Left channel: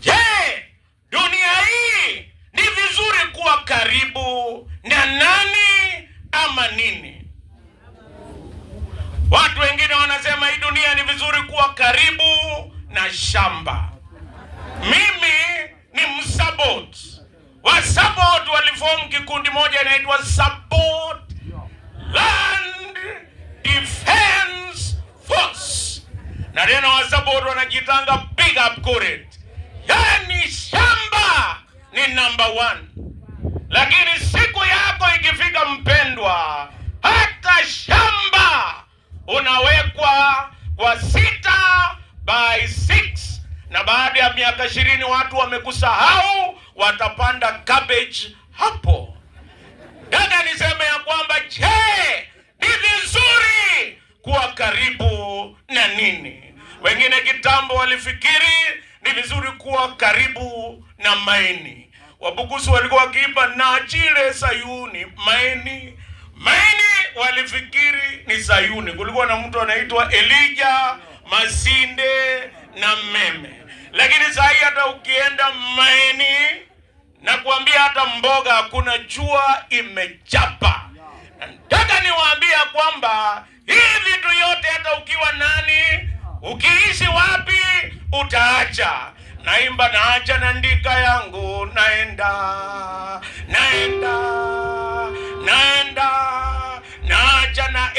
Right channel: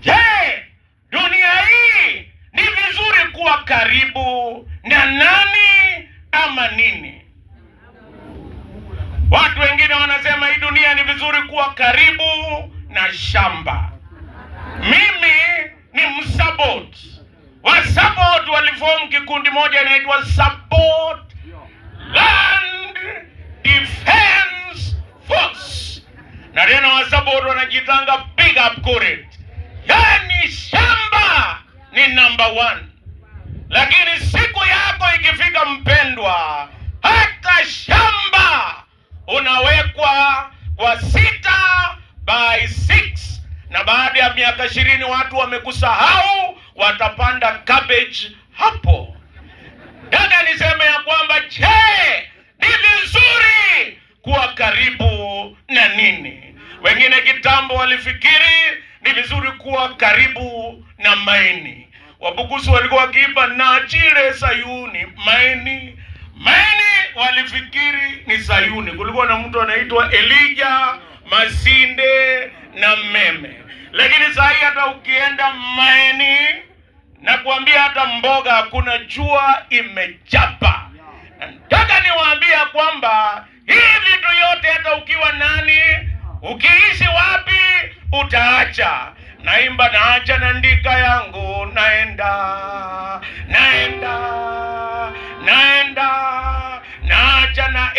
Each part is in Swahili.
Je, dunia hii ni vizuri kuwa karibu na nani ama nini? Watu wengine wanasema hii dunia ni vizuri kuwa karibu na shamba. Mimi ni msabot. Wasabot waliform kikundi moja inaitwa Sabot Land Defense Force. Na tena wasabot wanajitanga big up correct. Yani shamba ni number 1. Lakini siku yako ikifika mpendwa, hata shamba unawekwa kwa 6x6, na baada ya miaka 20 watu wamekusahau, watapanda cabbage hapo. Dada, niseme ya kwamba je, ni vizuri kuwa karibu na nini? Wengine kitambo walifikiri ni vizuri kuwa karibu na maini. Wabukusi walikuwa wakiimba na chile Sayuni maini. Maini walifikiri ni Sayuni. Kulikuwa na mtu anaitwa Elijah Masinde na Meme. Lakini sasa hata ukienda maini na kuambia hata mboga hakuna, jua imechapa. Nataka niwaambia kwamba hii vitu yote hata ukiwa nani, ukiishi wapi, utaacha. Naimba naacha na ndika yangu, naenda naacha na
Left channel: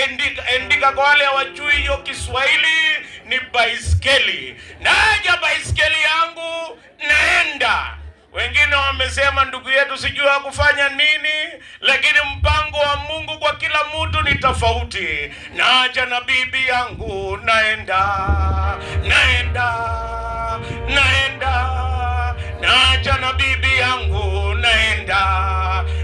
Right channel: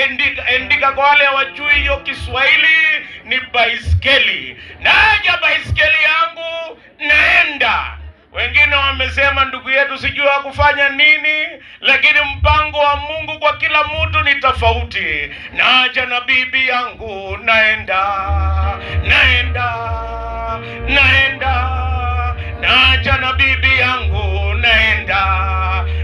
endika. Kwa wale hawajui hiyo Kiswahili ni baiskeli. Naacha baiskeli yangu, naenda. Wengine wamesema ndugu yetu sijui kufanya nini, lakini mpango wa Mungu kwa kila mtu ni tofauti. Naacha na bibi yangu, naenda. Naacha na bibi yangu,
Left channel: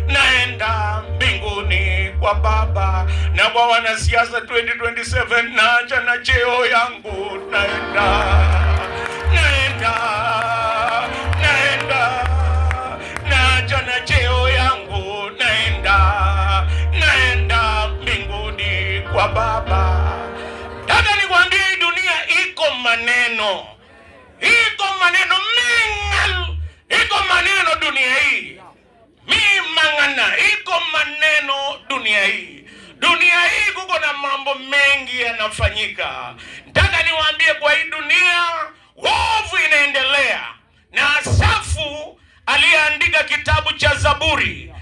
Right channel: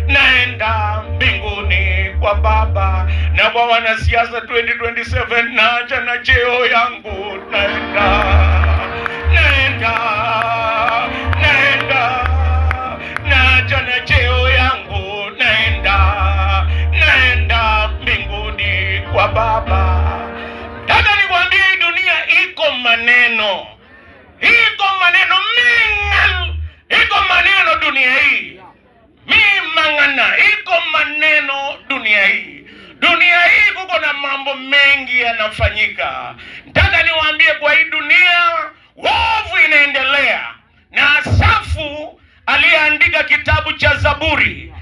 naenda mbinguni kwa Baba. Na kwa wanasiasa 2027, naacha na cheo yangu, naenda. Naacha na cheo yangu, naenda mbinguni kwa Baba. Dada, nikwambie dunia iko maneno. Iko maneno mingal. Iko maneno dunia hii. Mangana, iko maneno dunia hii. Dunia hii kuko na mambo mengi yanafanyika. Nataka niwaambie kwa hii dunia wovu inaendelea. Na Asafu aliyeandika kitabu cha Zaburi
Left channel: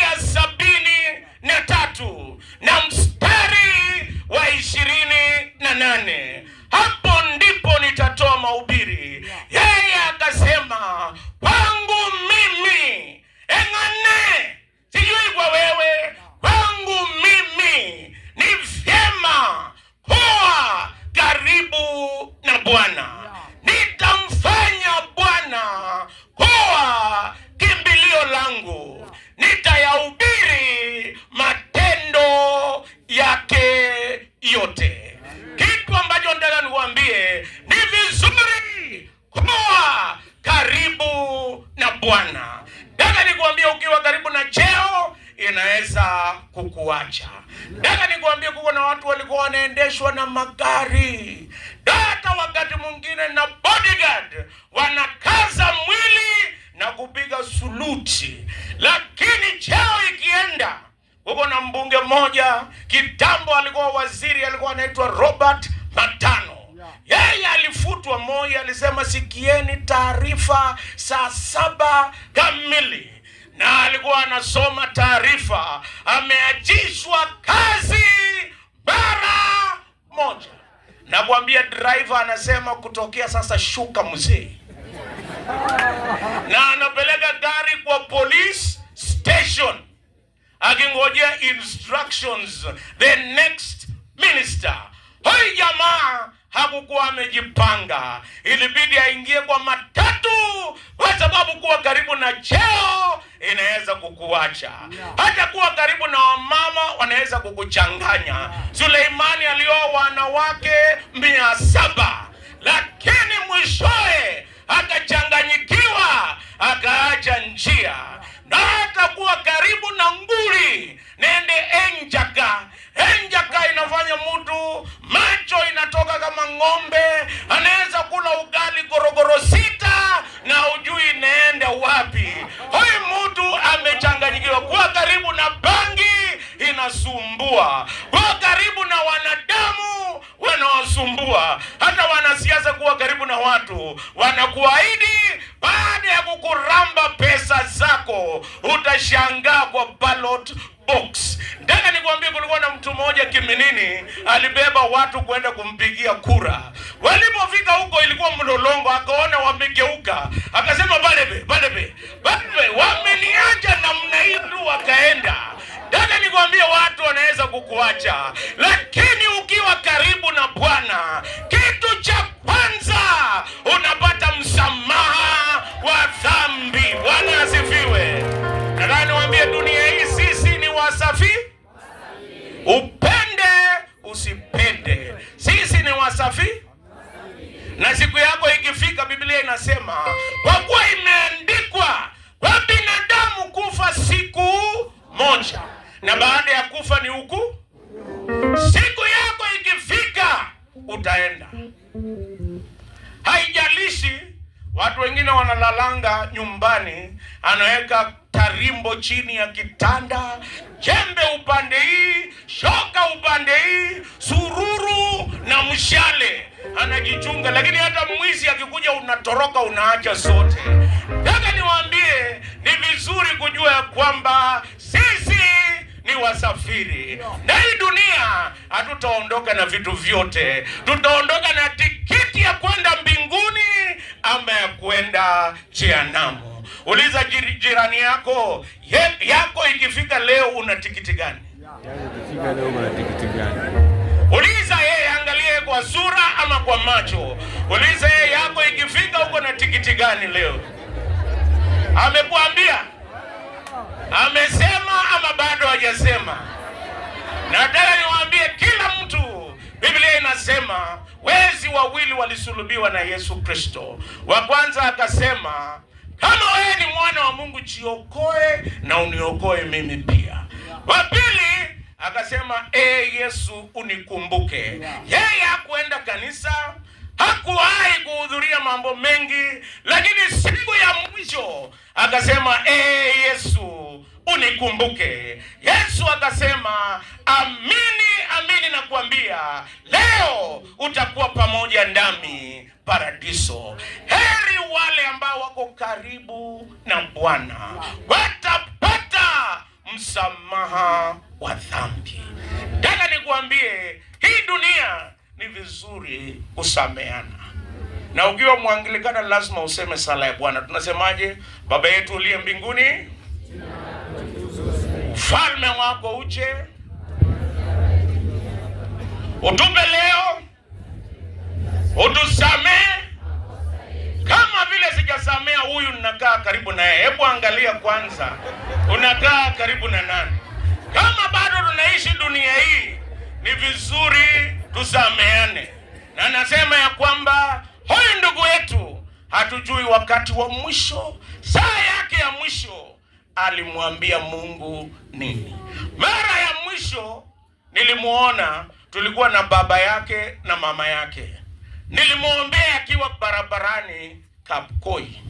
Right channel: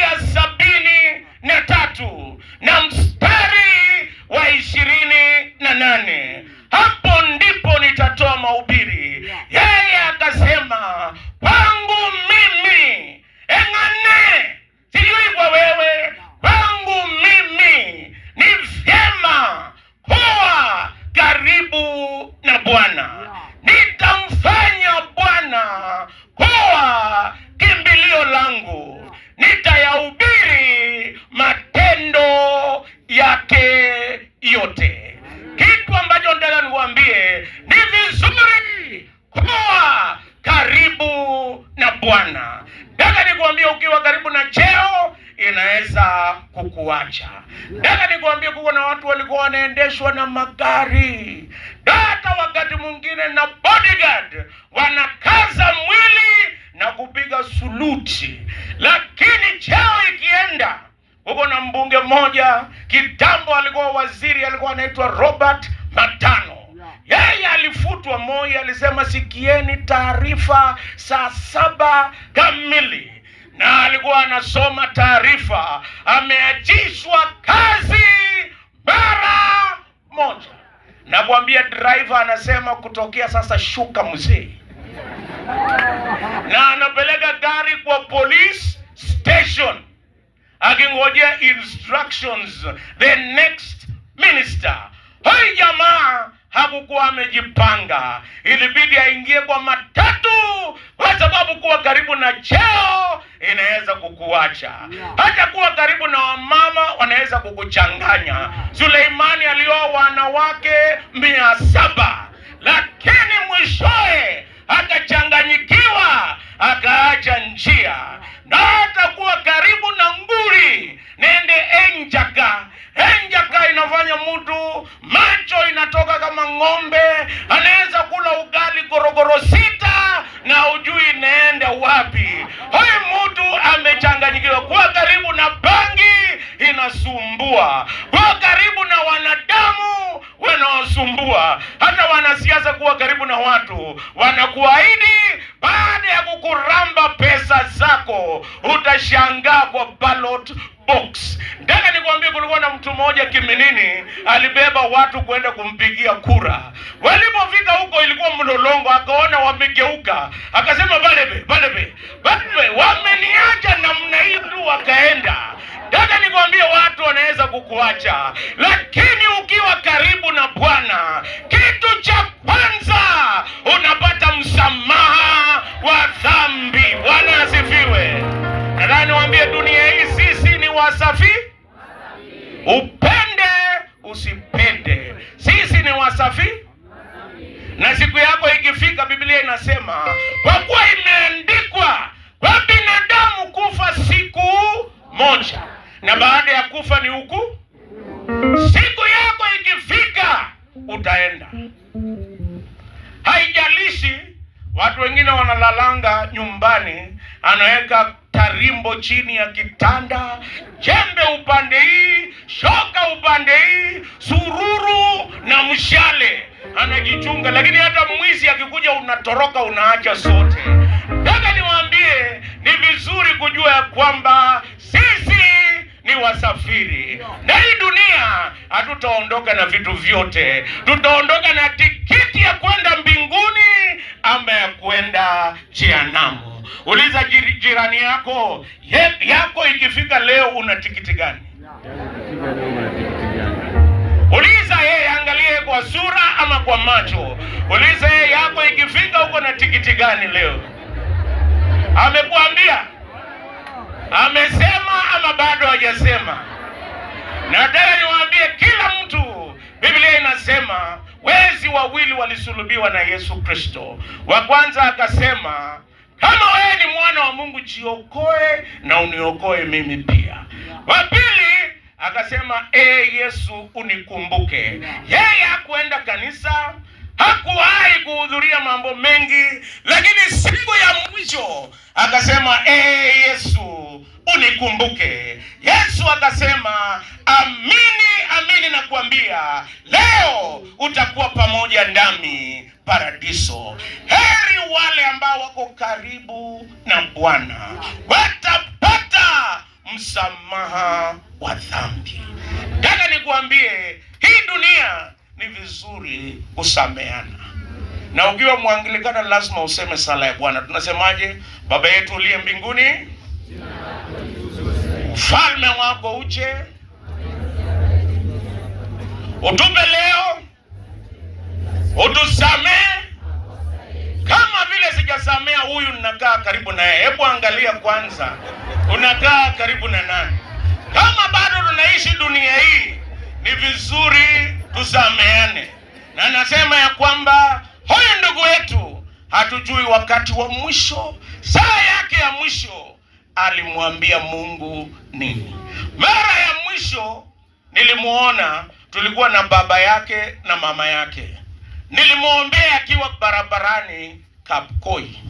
ya 73 na mstari wa 28. Hapo ndipo nitatoa mahubiri. Yeye akasema, kwangu mimi engane, sijui kwa wewe, kwangu mimi ni vyema kuwa karibu na Bwana. Nitamfanya Bwana kuwa kimbilio langu, nitayahubiri matendo yake yote. Kitu ambacho nataka niwaambie, ni vizuri kuwa karibu na Bwana. Nataka nikwambie, ukiwa karibu na cheo inaweza kukuacha. Nataka nikwambie, kuko na watu walikuwa wanaendeshwa na magari, hata wakati mwingine na bodyguard, wanakaza mwili na kupiga suluti, lakini cheo ikienda. Huko na mbunge mmoja kitambo alikuwa waziri, alikuwa anaitwa Robert Matano. Yeye alifutwa moja, alisema sikieni taarifa saa 7 kamili, na alikuwa anasoma taarifa, ameachishwa kazi mara moja. Na kuambia driver anasema kutokea sasa shuka mzee. Na anapeleka gari kwa police station akingojea instructions the next minister. Hoi jamaa hakukuwa amejipanga, ilibidi aingie kwa matatu, kwa sababu kuwa karibu na cheo inaweza kukuacha. Hata kuwa karibu na wamama wanaweza kukuchanganya. Suleimani alioa wanawake 700, lakini mwishoe akachanganyikiwa, akaacha njia. Na hata kuwa karibu na nguri, nende enjaka inafanya mtu macho inatoka kama ng'ombe, anaweza kula ugali gorogoro 6 wanaosumbua, kuwa karibu na wanadamu wanaosumbua. Hata wanasiasa kuwa karibu na watu wanakuahidi, baada ya kukuramba pesa zako utashangaa kwa ballot box. Ndaka nikwambie, kulikuwa na mtu mmoja Kiminini alibeba watu kwenda kumpigia kura. Walipofika huko ilikuwa mlolongo, akaona wamegeuka, akasema balebe wameniacha namna hii tu, wakaenda. Ndaka nikwambie, watu wanaweza kukuacha, lakini ukiwa karibu na Bwana, kitu cha kwanza unapata msamaha wa dhambi. Bwana asifiwe. Nataka niwaambie, dunia hii sisi ni wasafi. Upende usipende, sisi ni wasafi. Na siku yako ikifika, Biblia inasema kwa kuwa imeandikwa kwa binadamu kufa siku moja, na baada ya kufa ni hukumu. Siku yako ikifika utaenda. Haijalishi watu wengine wanalalanga nyumbani, anaweka tarimbo chini ya kitanda, jembe upande hii, shoka upande hii, sururu na mshale, anajichunga. Lakini hata mwizi akikuja unatoroka, unaacha sote. Nataka niwaambie, ni vizuri kujua ya kwamba sisi ni wasafiri, na hii dunia hatutaondoka na vitu vyote. Tutaondoka na tikiti ya kwenda mbinguni ama ya kwenda jehanamu. Uliza jirani yako, yako ikifika leo una tikiti gani? Uliza yeye, angalie kwa sura ama kwa macho. Uliza yeye, yako ikifika uko na tikiti gani leo? Amekuambia? Amesema ama bado hajasema? Nataka niwaambie kila mtu, Biblia inasema wezi wawili walisulubiwa na Yesu Kristo. Wa kwanza akasema, kama wewe ni mwana wa Mungu, jiokoe na uniokoe mimi pia. Wa pili akasema, Yesu unikumbuke. Yeye hakuenda kanisa, hakuwahi kuhudhuria mambo mengi, lakini siku ya mwisho akasema, Yesu unikumbuke. Yesu akasema, amini nakuambia, leo utakuwa pamoja nami paradiso. Heri wale ambao wako karibu na Bwana, watapata msamaha wa dhambi. Nataka nikuambie, hii dunia ni vizuri kusameana. Na ukiwa Mwangilikana lazima useme sala ya Bwana. Tunasemaje? Baba yetu uliye mbinguni, ufalme wako uje, utupe leo, utusamehe kama vile sijasamea huyu ninakaa karibu naye. Hebu angalia kwanza, unakaa karibu na nani? Kama bado tunaishi dunia hii, ni vizuri tusameane. Na nasema ya kwamba huyu ndugu yetu hatujui wakati wa mwisho, saa yake ya mwisho alimwambia Mungu nini. Mara ya mwisho nilimuona, tulikuwa na baba yake na mama yake. Nilimuombea akiwa barabarani Kapkoi,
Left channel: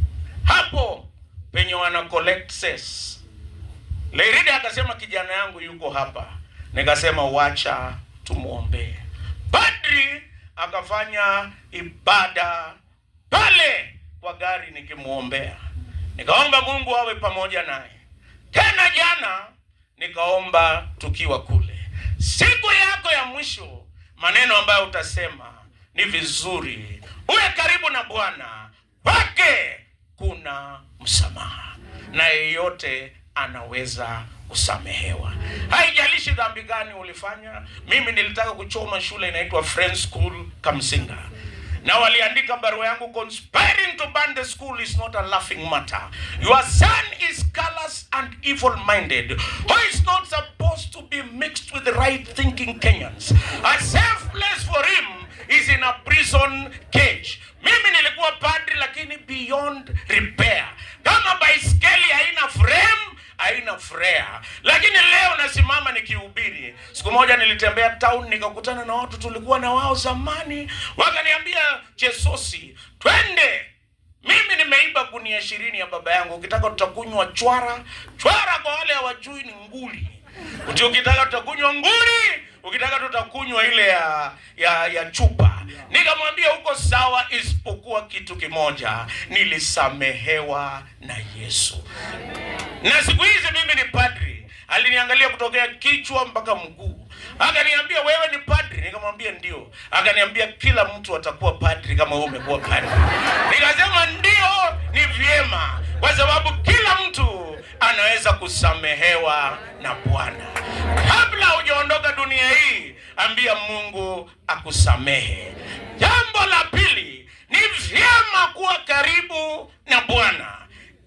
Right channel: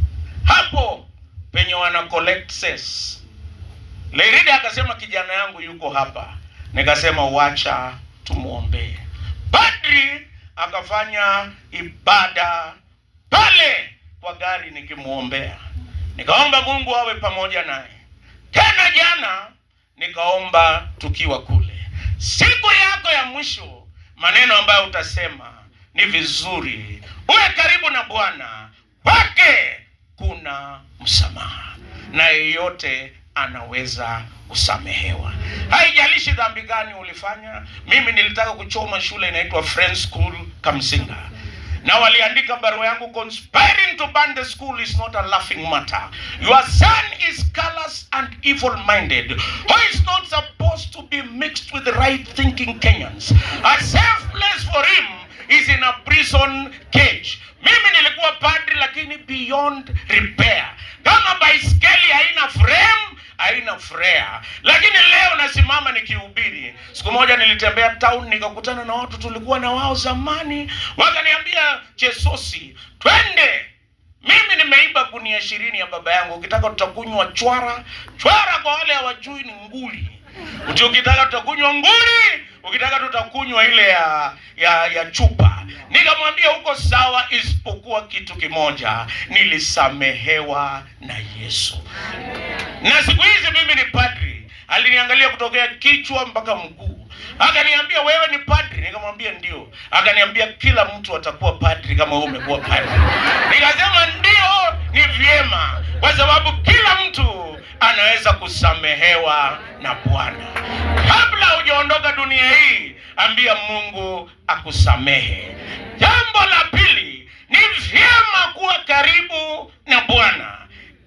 hapo penye wana collect cess. Lerida akasema, kijana yangu yuko hapa. Nikasema wacha tumuombee. Padri akafanya ibada pale kwa gari nikimuombea. Nikaomba Mungu awe pamoja naye. Tena jana nikaomba tukiwa kule. Siku yako ya mwisho, maneno ambayo utasema ni vizuri uwe karibu na Bwana, kwake kuna msamaha, na yeyote anaweza kusamehewa. Haijalishi dhambi gani ulifanya. Mimi nilitaka kuchoma shule inaitwa Friends School Kamsinga, na waliandika barua yangu, conspiring to burn the school is not a laughing matter. Your son is callous and evil-minded, who is not supposed to be mixed with the right-thinking Kenyans. A safe place for him is in a prison cage. Mimi nilikuwa padri, lakini beyond repair. Kama baiskeli haina frame, haina freya. Lakini leo nasimama nikihubiri. Siku moja nilitembea town, nikakutana na watu tulikuwa na wao zamani. Wakaniambia, Chesosi, twende. Mimi nimeiba gunia 20 ya baba yangu. Ukitaka tutakunywa chwara. Chwara kwa wale hawajui ni nguli. Ukitaka tutakunywa nguri, ukitaka tutakunywa ile ya chupa. Nikamwambia uko sawa, isipokuwa kitu kimoja, nilisamehewa na Yesu. Na siku hizi mimi ni padri. Aliniangalia kutokea kichwa mpaka mguu. Akaniambia wewe ni padri? Nikamwambia ndio. Akaniambia kila mtu atakuwa padri kama wewe umekuwa padri. Nikasema ndio, ni vyema, kwa sababu kila mtu anaweza kusamehewa na Bwana. Kabla hujaondoka dunia hii, ambia Mungu akusamehe. Jambo la pili, ni vyema kuwa karibu na Bwana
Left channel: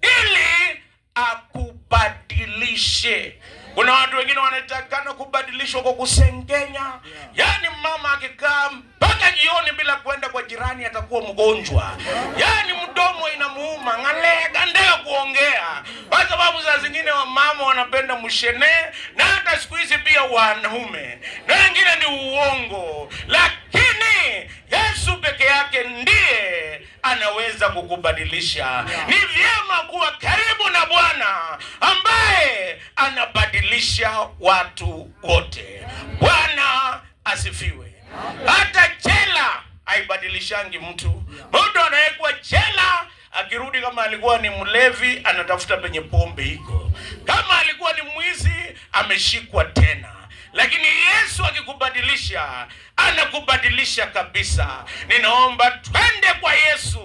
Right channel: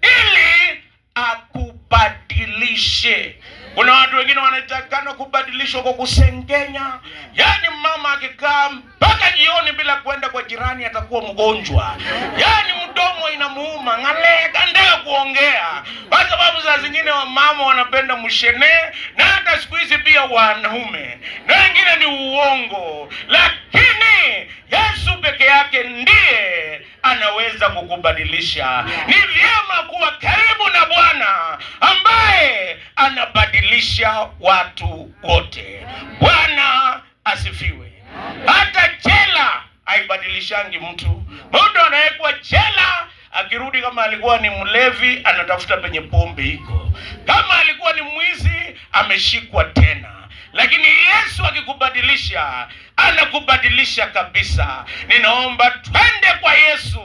ili akubadilishe. Kuna watu wengine wanatakana kubadilishwa kwa kusengenya. Yaani mama akikaa mpaka jioni bila kwenda kwa jirani atakuwa mgonjwa. Yaani mdomo inamuuma, ngalega ndio kuongea. Kwa sababu za zingine wa mama wanapenda mshene, na hata siku hizi pia wanaume. Na wengine ni uongo. Lakini Yesu peke yake ndiye anaweza kukubadilisha. Ni vyema kuwa karibu na Bwana ambaye anabadilisha watu wote. Bwana asifiwe. Hata jela haibadilishangi mtu. Mtu anayekuwa jela akirudi, kama alikuwa ni mlevi, anatafuta penye pombe iko. Kama alikuwa ni mwizi, ameshikwa tena. Lakini Yesu akikubadilisha, anakubadilisha kabisa. Ninaomba twende kwa Yesu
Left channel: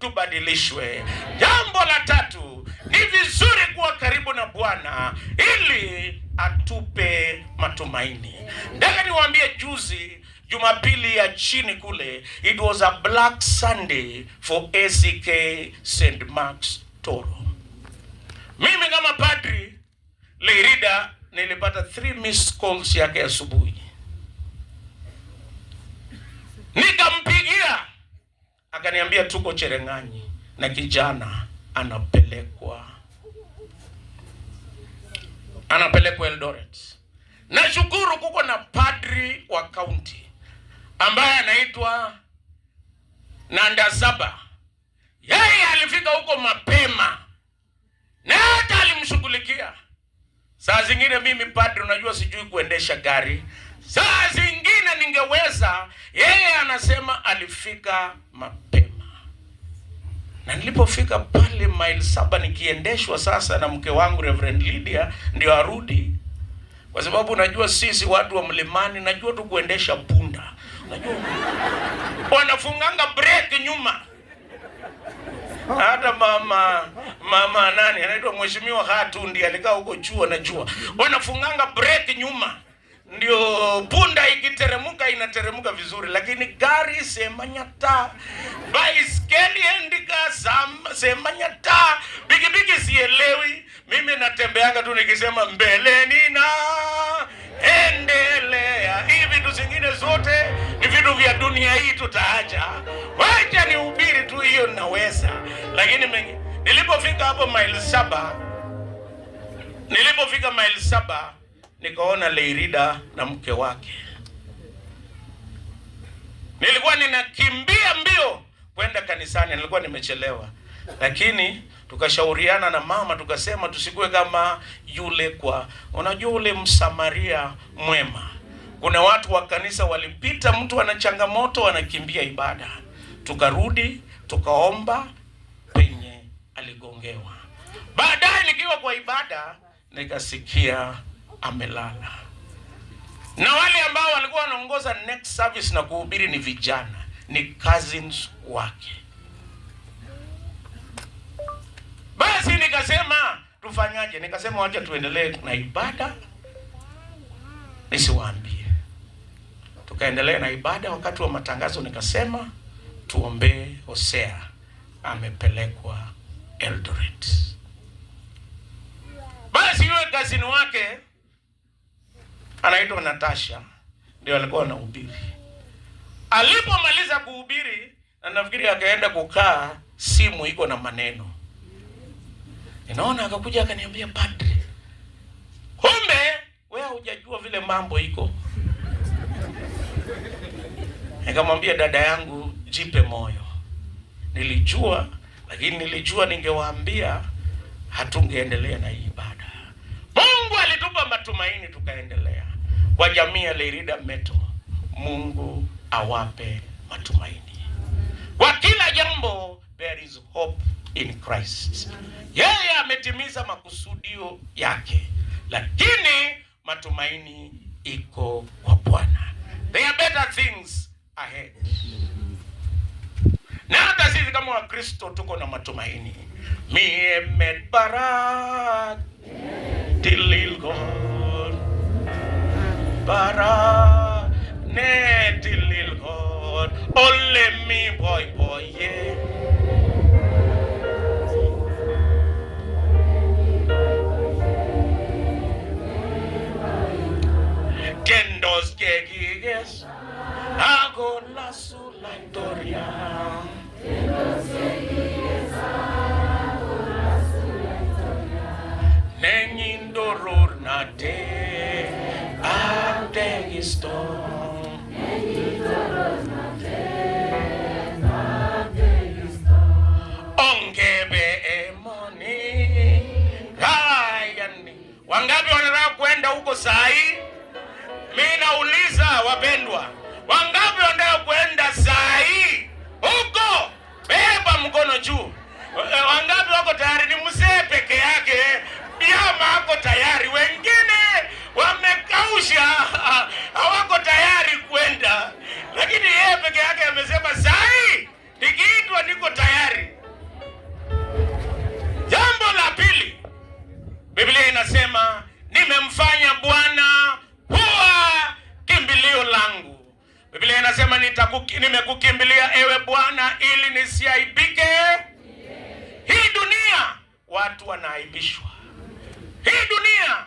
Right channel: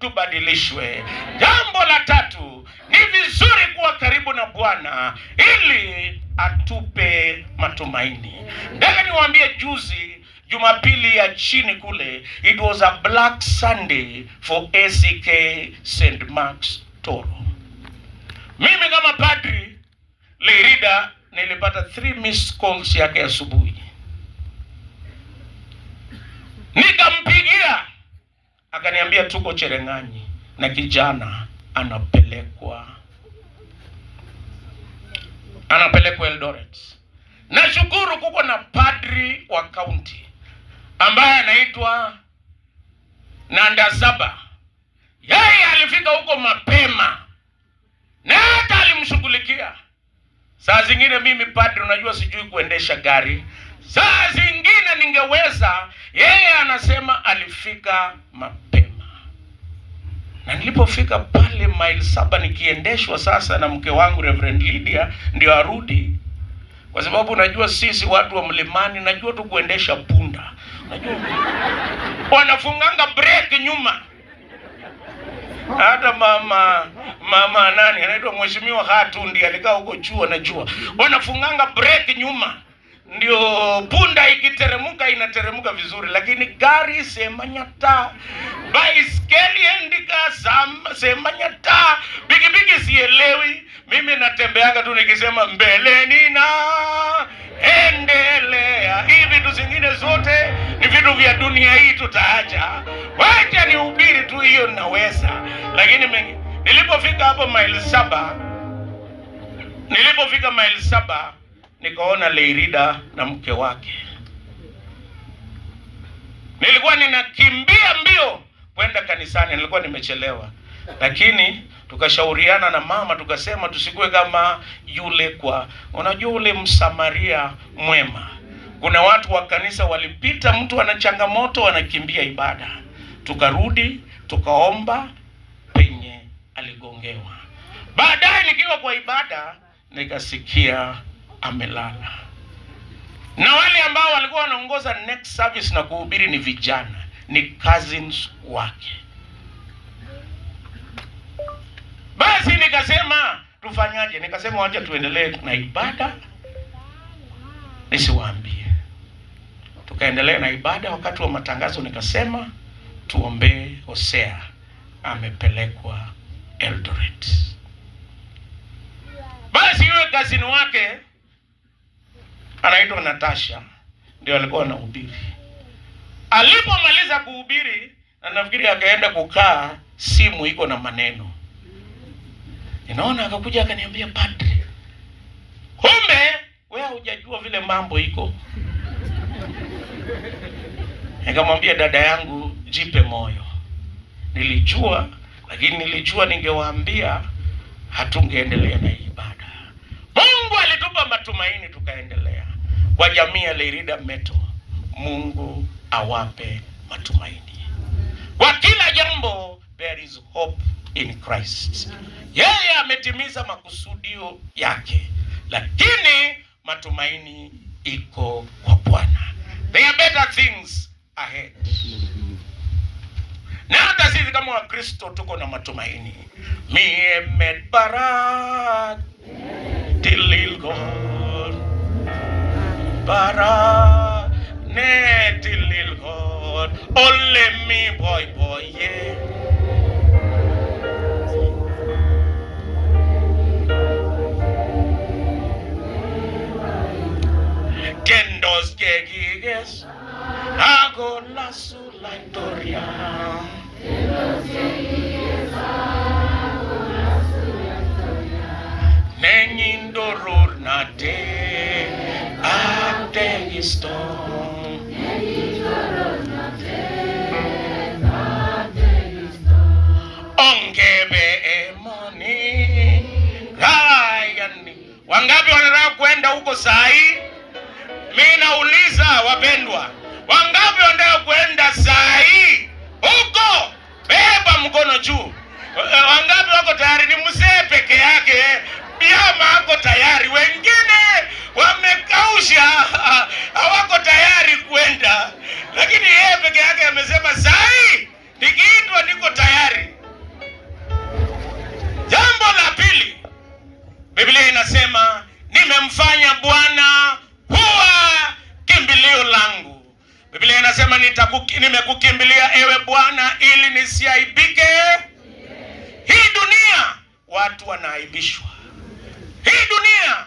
tubadilishwe. Jambo la tatu, ni vizuri kuwa karibu na Bwana ili atupe matumaini. Nataka niwaambie, juzi Jumapili ya chini kule, it was a black Sunday for ACK St. Mark's Toro. Mimi kama padri Leirida nilipata 3 missed calls yake asubuhi. Nikampigia, akaniambia tuko Cherengani na kijana anapelekwa Eldoret. Nashukuru kuko na padri wa county ambaye anaitwa Nandazaba. Yeye alifika huko mapema na hata alimshughulikia. Saa zingine mimi padri, unajua sijui kuendesha gari. Saa zingine ningeweza. Yeye anasema alifika mapema. Na nilipofika pale mile 7 nikiendeshwa sasa na mke wangu Reverend Lydia ndio arudi. Kwa sababu unajua sisi watu wa mlimani, najua tu kuendesha punda. Unajua wanafunganga break nyuma. Hata mama nani anaitwa Mheshimiwa Hatundi alikaa huko chuo, najua wanafunganga break nyuma, ndio punda ikiteremuka inateremuka vizuri. Lakini gari semanyata, baiskeli endika semanyata, bigibigi sielewi. Mimi natembeanga tu nikisema mbeleni na endelea. Hivi vitu zingine zote ni vitu vya dunia hii tutaacha. Wacha nihubiri tu, hiyo naweza. Lakini nilipofika hapo mile 7, nikaona Leirida na mke wake. Nilikuwa ninakimbia mbio kwenda kanisani, nilikuwa nimechelewa. Lakini tukashauriana na mama, tukasema tusikue kama yule unajua ule Msamaria mwema. Kuna watu wa kanisa walipita, mtu ana changamoto anakimbia ibada. Tukarudi, tukaomba penye aligongewa. Baadaye nikiwa kwa ibada nikasikia amelala. Na wale ambao walikuwa wanaongoza next service na kuhubiri ni vijana, ni cousins wake. Basi nikasema tufanyaje? Nikasema wacha tuendelee na ibada, nisiwaambie. Tukaendelea na ibada. Wakati wa matangazo nikasema tuombee Hosea, amepelekwa Eldoret. Basi yule kazini wake anaitwa Natasha ndio alikuwa anahubiri. Alipomaliza kuhubiri, na nafikiri akaenda kukaa, simu iko na maneno. Ninaona akakuja akaniambia, padri, kumbe wewe hujajua vile mambo iko. Nikamwambia, dada yangu, jipe moyo. Nilijua, lakini nilijua ningewaambia hatungeendelea na ibada. Mungu alitupa matumaini tukaendelea. Kwa jamii ya Lerida Meto, Mungu awape matumaini. Kwa kila jambo there is hope in Christ. Yeye ametimiza makusudio yake, lakini matumaini iko kwa Bwana. There are better things ahead. Na hata sisi kama Wakristo tuko na matumaini. Miemet barat tililgon barat ne tililgon ole mi boy boy ye kendos gegiges hago la sulatoria Nengindoror nate ategiston ongebe emoni gayani. Wangapi wanataka kwenda huko sahi? Mimi nauliza wapendwa, wangapi wanataka kwenda sahi huko? Beba mkono juu. Wangapi wako tayari? Ni mzee peke yake Biama hako tayari, wengine wamekausha hawako tayari kwenda, lakini yeye peke yake amesema sahi nikiitwa niko tayari. Jambo la pili, Biblia inasema nimemfanya Bwana kuwa kimbilio langu. Biblia inasema nimekukimbilia ewe Bwana ili nisiaibike. Hii dunia watu wanaaibishwa. Hii dunia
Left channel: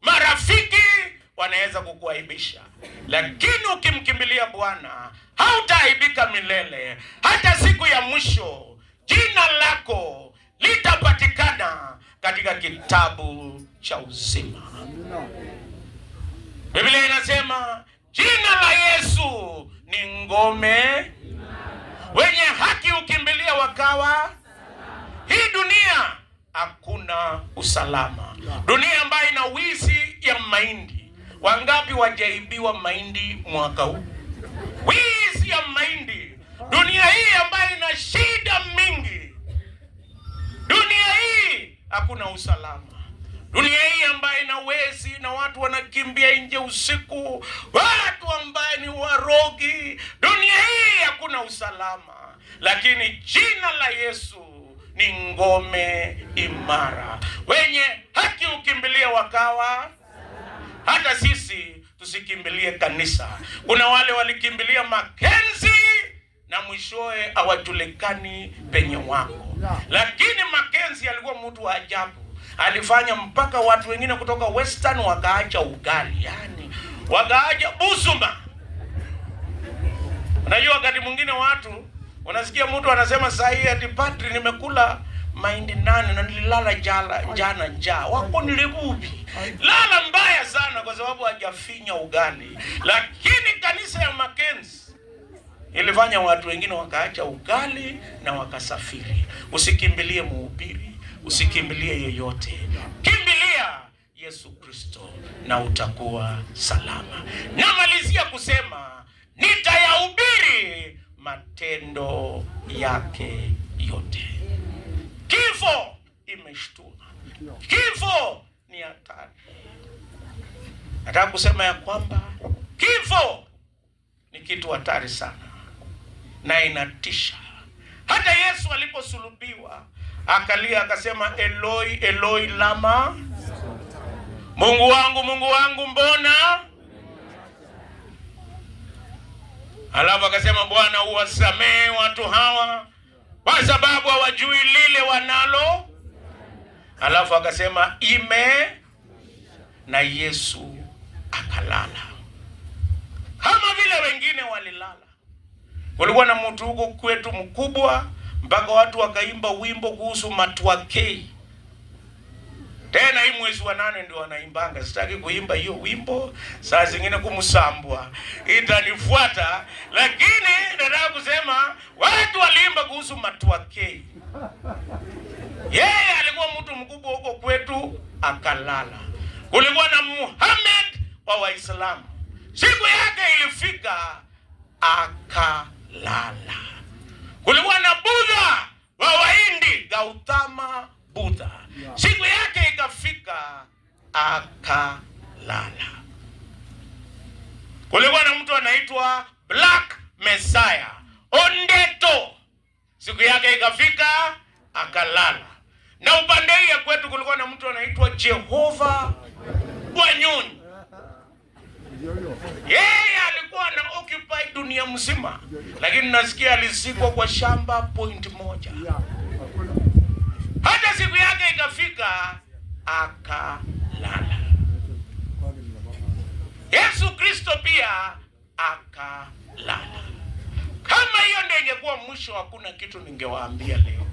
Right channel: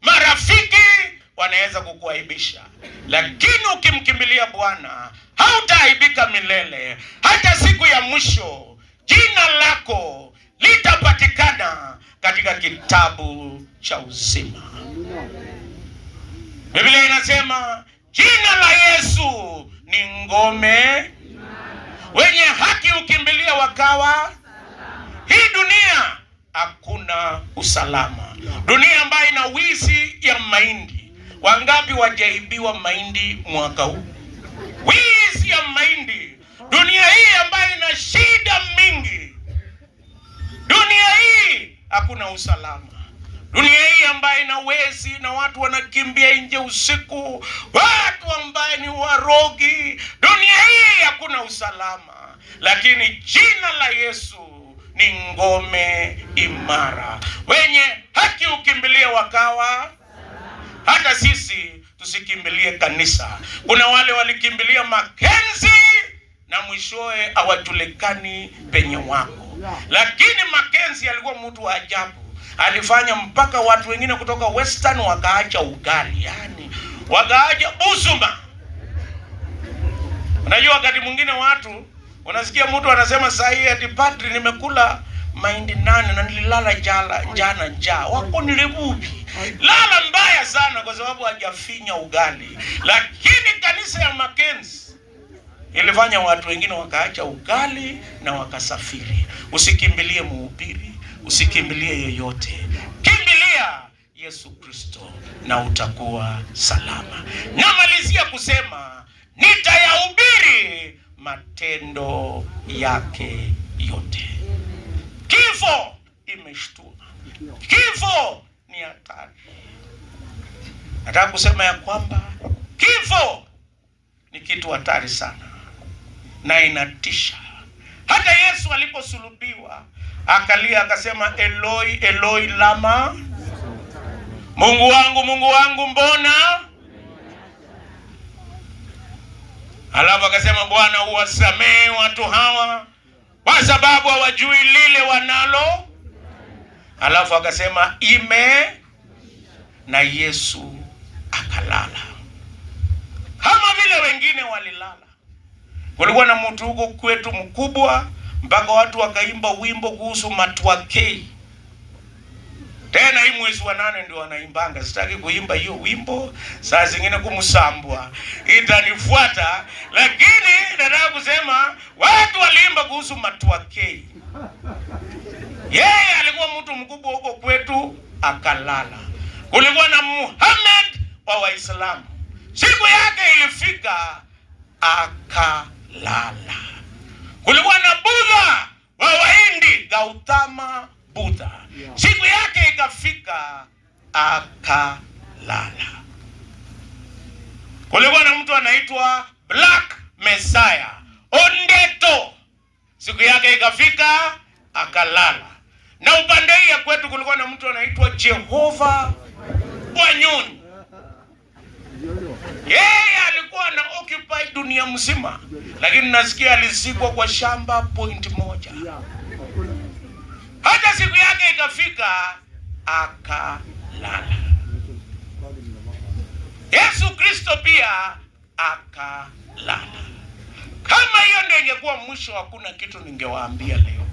marafiki wanaweza kukuaibisha, lakini ukimkimbilia Bwana hautaaibika milele. Hata siku ya mwisho jina lako litapatikana katika kitabu cha uzima. Biblia inasema jina la Yesu ni ngome, wenye haki ukimbilia wakawa. Hii dunia hakuna usalama. Dunia ambayo ina wizi ya mahindi. Wangapi wajaibiwa mahindi mwaka huu? Wizi ya mahindi. Dunia hii ambayo ina shida mingi. Dunia hii hakuna usalama. Dunia hii ambayo ina wezi na watu wanakimbia nje usiku, watu ambaye ni warogi. Dunia hii hakuna usalama, lakini jina la Yesu ni ngome imara, wenye haki ukimbilia wakawa. Hata sisi tusikimbilie kanisa. Kuna wale walikimbilia Mackenzie na mwishoe hawajulikani penye wako. Lakini Mackenzie alikuwa mtu wa ajabu. Alifanya mpaka watu wengine kutoka Western wakaacha ugali, yani wakaacha busuma. Unajua wakati mwingine watu unasikia mtu anasema sahi ati padri nimekula mahindi 8 na nililala jana njaa. Wako nilibubi. Lala mbaya sana kwa sababu hajafinya ugali. Lakini kanisa ya Mackenzie ilifanya watu wengine wakaacha ugali na wakasafiri. Usikimbilie mhubiri, usikimbilie yoyote. Kimbilia Yesu Kristo na utakuwa salama. Namalizia kusema nitayahubiri matendo yake yote. Kifo imeshtua. Kifo ni hatari. Nataka kusema ya kwamba kifo ni kitu hatari sana na inatisha. Hata Yesu aliposulubiwa akalia akasema Eloi Eloi lama, Mungu wangu mbona? Alafu akasema Bwana uwasamehe watu hawa kwa sababu hawajui lile wanalo. Alafu akasema na Yesu akalala. Kama vile wengine walilala. Kulikuwa na mtu huko kwetu mkubwa mpaka watu wakaimba wimbo kuhusu Matwakei. Tena hii mwezi wa 8 ndio wanaimbanga. Sitaki kuimba hiyo wimbo, saa zingine kumsambwa itanifuata, lakini nataka kusema watu waliimba kuhusu Matwakei. Yeye alikuwa mtu mkubwa huko kwetu akalala. Kulikuwa na Muhammad wa Waislamu. Siku yake ilifika akalala. Kulikuwa na Buddha wa Wahindi, Gautama Buddha. Siku yake ikafika akalala. Kulikuwa na mtu anaitwa Black Messiah, Ondeto. Siku yake ikafika akalala. Na upande ya kwetu kulikuwa na mtu anaitwa Jehova Wanyoni. Yeye alikuwa na occupy dunia mzima, lakini nasikia alizikwa kwa shamba point moja. Hata siku yake ikafika akalala. Yesu Kristo pia akalala. Kama hiyo ndio ingekuwa mwisho, hakuna kitu ningewaambia leo.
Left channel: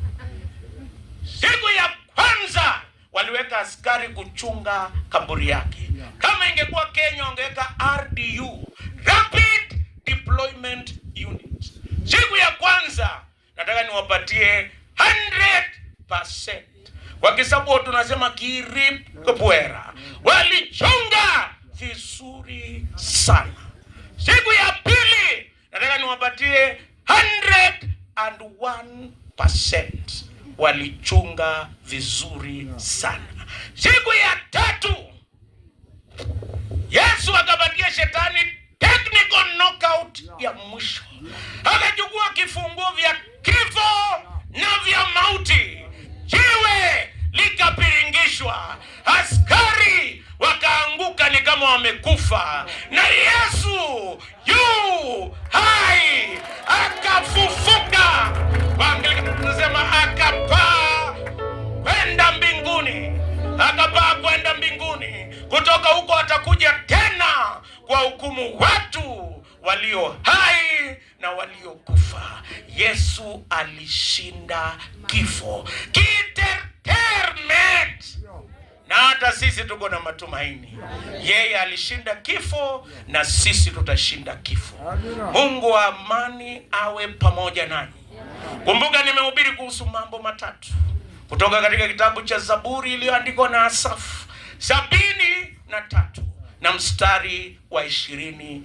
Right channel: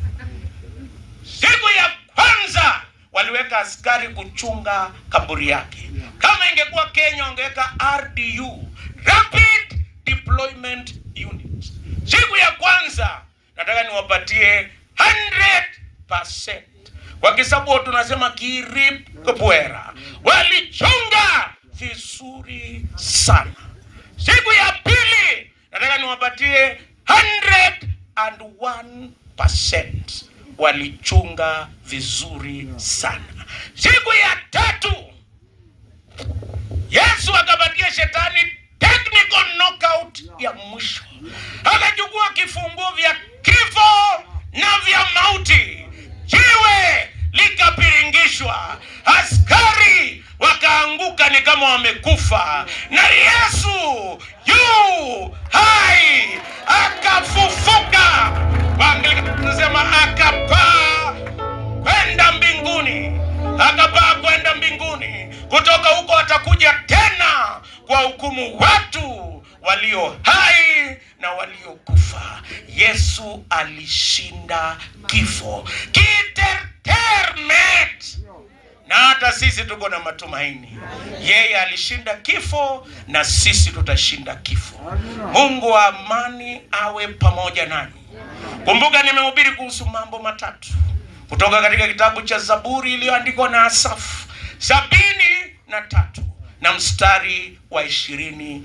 Siku ya kwanza waliweka askari kuchunga kaburi yake. Kama ingekuwa Kenya wangeweka RDU, Rapid Deployment Unit. Siku ya kwanza nataka niwapatie 100%. Kwa kisabu tunasema kirip kubwera. Walichunga vizuri sana. Siku ya pili nataka niwapatie 101%. Walichunga vizuri sana. Siku ya tatu Yesu akapatia shetani technical knockout ya mwisho. Akachukua kifunguo vya kifo na vya mauti. Jiwe likapiringishwa. Askari wakaanguka ni kama wamekufa. Na Yesu yu hai akafufuka. Waangalika tunasema akapaa kwenda mbinguni. Akapaa kwenda mbinguni. Kutoka huko atakuja tena kwa hukumu watu walio hai na waliokufa. Yesu alishinda kifo. Kitertermet. Na hata sisi tuko na matumaini. Yeye alishinda kifo na sisi tutashinda kifo. Mungu wa amani awe pamoja nanyi. Kumbuka nimehubiri kuhusu mambo matatu kutoka katika kitabu cha Zaburi iliyoandikwa na Asafu 73 na mstari wa 28.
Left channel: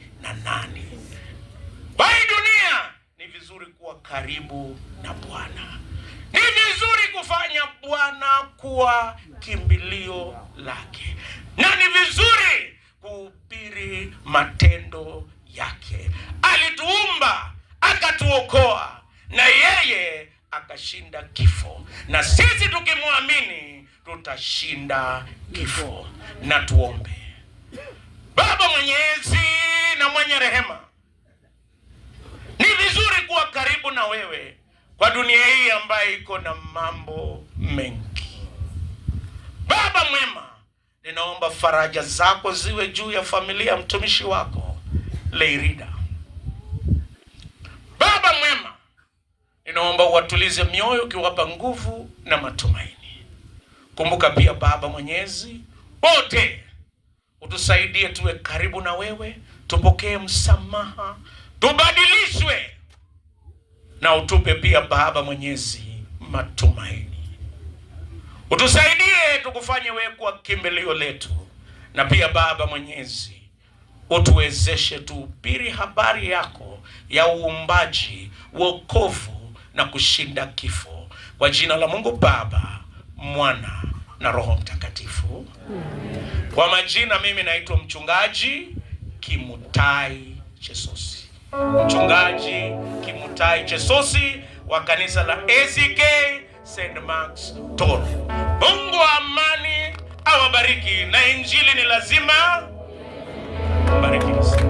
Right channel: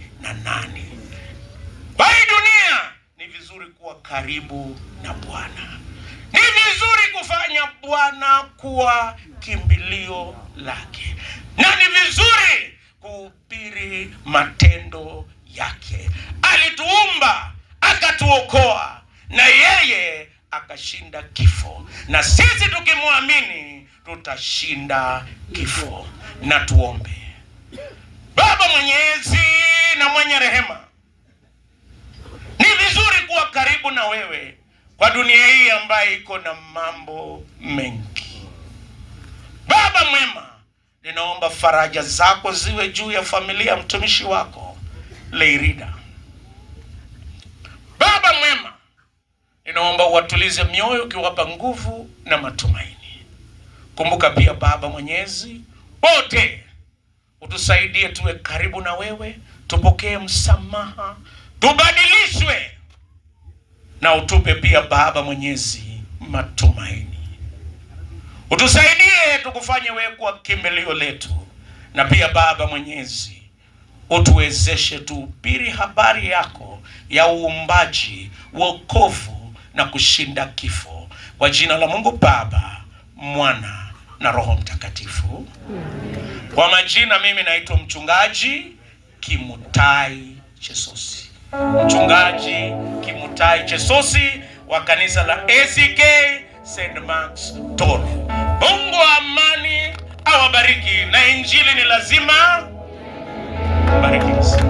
Kwa hii dunia ni vizuri kuwa karibu na Bwana. Ni vizuri kufanya Bwana kuwa kimbilio lake. Na ni vizuri kuhubiri matendo yake. Alituumba, akatuokoa, na yeye akashinda kifo. Na sisi tukimwamini tutashinda kifo. Na tuombe. Baba mwenyezi na mwenye rehema, ni vizuri kuwa karibu na wewe kwa dunia hii ambayo iko na mambo mengi. Baba mwema, ninaomba faraja zako ziwe juu ya familia mtumishi wako Leirida. Baba mwema, ninaomba uwatulize mioyo ukiwapa nguvu na matumaini. Kumbuka pia Baba mwenyezi, wote utusaidie tuwe karibu na wewe, tupokee msamaha, tubadilishwe, na utupe pia Baba mwenyezi matumaini. Utusaidie tukufanye wewe kuwa kimbilio letu, na pia Baba mwenyezi utuwezeshe tuhubiri habari yako ya uumbaji, wokovu na kushinda kifo. Kwa jina la Mungu Baba, Mwana na Roho Mtakatifu. Kwa majina mimi naitwa Mchungaji Kimutai Chesosi. Mchungaji Kimutai Chesosi wa kanisa la ACK St. Mark's Toro. Mungu wa amani awabariki, na injili ni lazima bariki.